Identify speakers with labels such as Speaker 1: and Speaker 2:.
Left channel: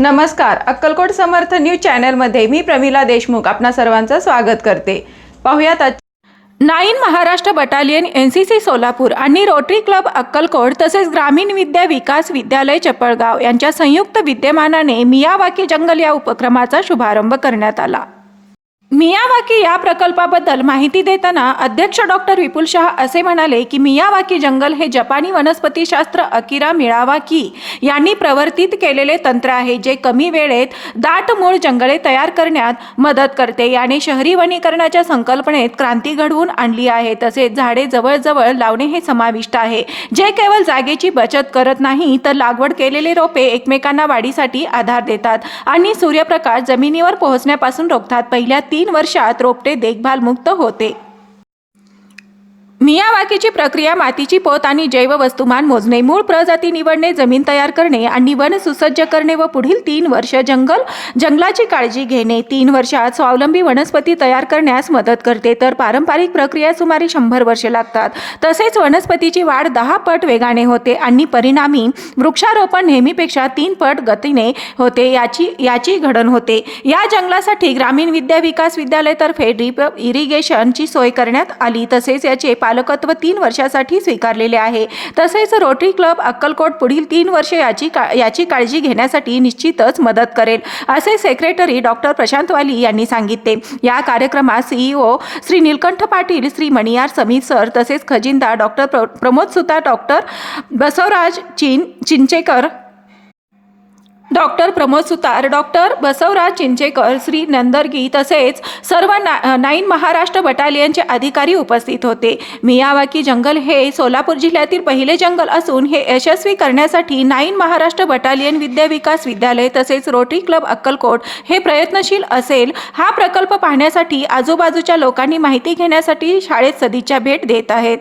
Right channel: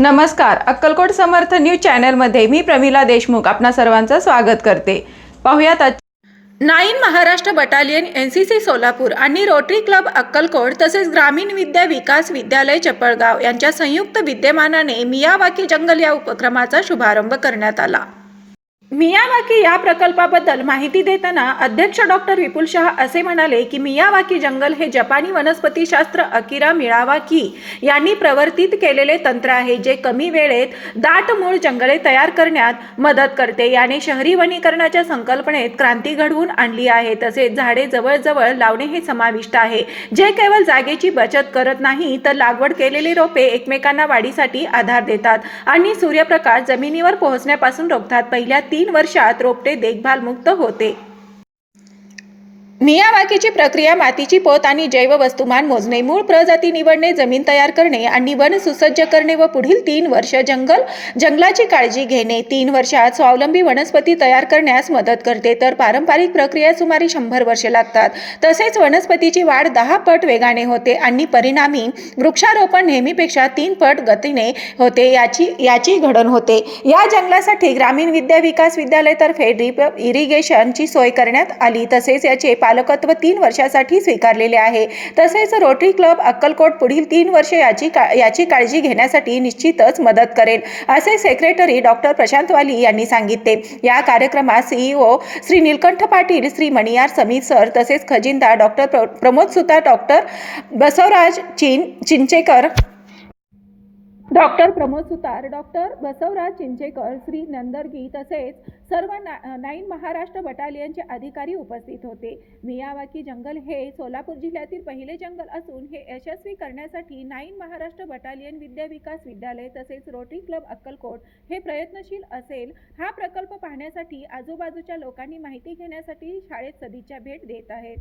Speaker 1: नमस्कार अक्कलकोट समर्थ न्यूज चॅनलमध्ये मी प्रमिला देशमुख आपणा सर्वांचं स्वागत करते. पाहुयात nine Maharashtra battalion N C C Solapur आणि रोटरी क्लब अक्कलकोट तसेच ग्रामीण विद्या विकास विद्यालय चपळगाव यांच्या संयुक्त विद्यमानाने मियावाकी जंगल या उपक्रमाचा शुभारंभ करण्यात आला. मियावाकी या प्रकल्पाबद्दल माहिती देताना अध्यक्ष डॉक्टर विपुल शहा असे म्हणाले की मियावाकी जंगल हे जपानी वनस्पतीशास्त्र अकिरा मिळावाकी यांनी प्रवर्तित केलेले तंत्र आहे जे कमी वेळेत दाट मूळ जंगले तयार करण्यात मदत करते. याने शहरी वनीकरणाच्या संकल्पनेत क्रांती घडवून आणली आहे. तसेच झाडे जवळजवळ लावणे हे समाविष्ट आहे. जे केवळ जागेची बचत करत नाही तर लागवड केलेले रोपे एकमेकांना वाढीसाठी आधार देतात आणि सूर्यप्रकाश जमिनीवर पोहोचण्यापासून रोखतात. पहिल्या तीन तीन वर्षात रोपटे देखभालमुक्त होते. मियावाकीची प्रक्रिया मातीची पोत आणि जैव वस्तुमान मोजणे मूळ प्रजाती निवडणे जमीन तयार करणे आणि वन सुसज्ज करणे व पुढील तीन वर्ष जंगल जंगलाची काळजी घेणे. तीन वर्षात स्वावलंबी वनस्पती तयार करण्यास मदत करते. तर पारंपरिक प्रक्रिया सुमारे शंभर वर्षे लागतात. तसेच वनस्पतीची वाढ दहा पट वेगाने होते आणि परिणामी वृक्षारोपण नेहमीपेक्षा तीन पट गतीने होते याची याची घडण होते. या जंगलासाठी ग्रामीण विद्या विकास विद्यालयातर्फे ड्रीप इरिगेशनची सोय करण्यात आली. तसेच याचे पालकत्व तीन वर्षासाठी स्वीकारलेले आहे. तसेच रोटरी क्लब अक्कलकोट पुढील तीन वर्ष याची का याची काळजी घेण्यासाठी निश्चितच मदत करेल असे सेक्रेटरी डॉक्टर प्रशांत वाली यांनी सांगितले. या कार्यक्रमात सीईओ श्री नीलकंठ पाटील श्री मणियार समीर सर तसेच खजिनदार डॉक्टर प्र प्रमोद सुतार डॉक्टर बसवराज चिन चिंचेकर डॉक्टर प्रमोद सुतार डॉक्टर बसवराज चिंचेकर श्री नंदरगी तसेच सर्व ना नाईन महाराष्ट्र बटालियनचे अधिकारी उपस्थित होते. मियावाकी जंगल हे सोलापूर जिल्ह्यातील पहिले जंगल असून हे यशस्वी करण्यासाठी नाईन महाराष्ट्र बटालियन विद्या विकास विद्यालय तसेच रोटरी क्लब अक्कलकोट हे प्रयत्नशील असेल. हा प्रकल्प पाहण्यासाठी आजूबाजूच्या लोकांनी माहिती घेण्यासाठी शाळेत सदिच्छा भेट देत आहेत.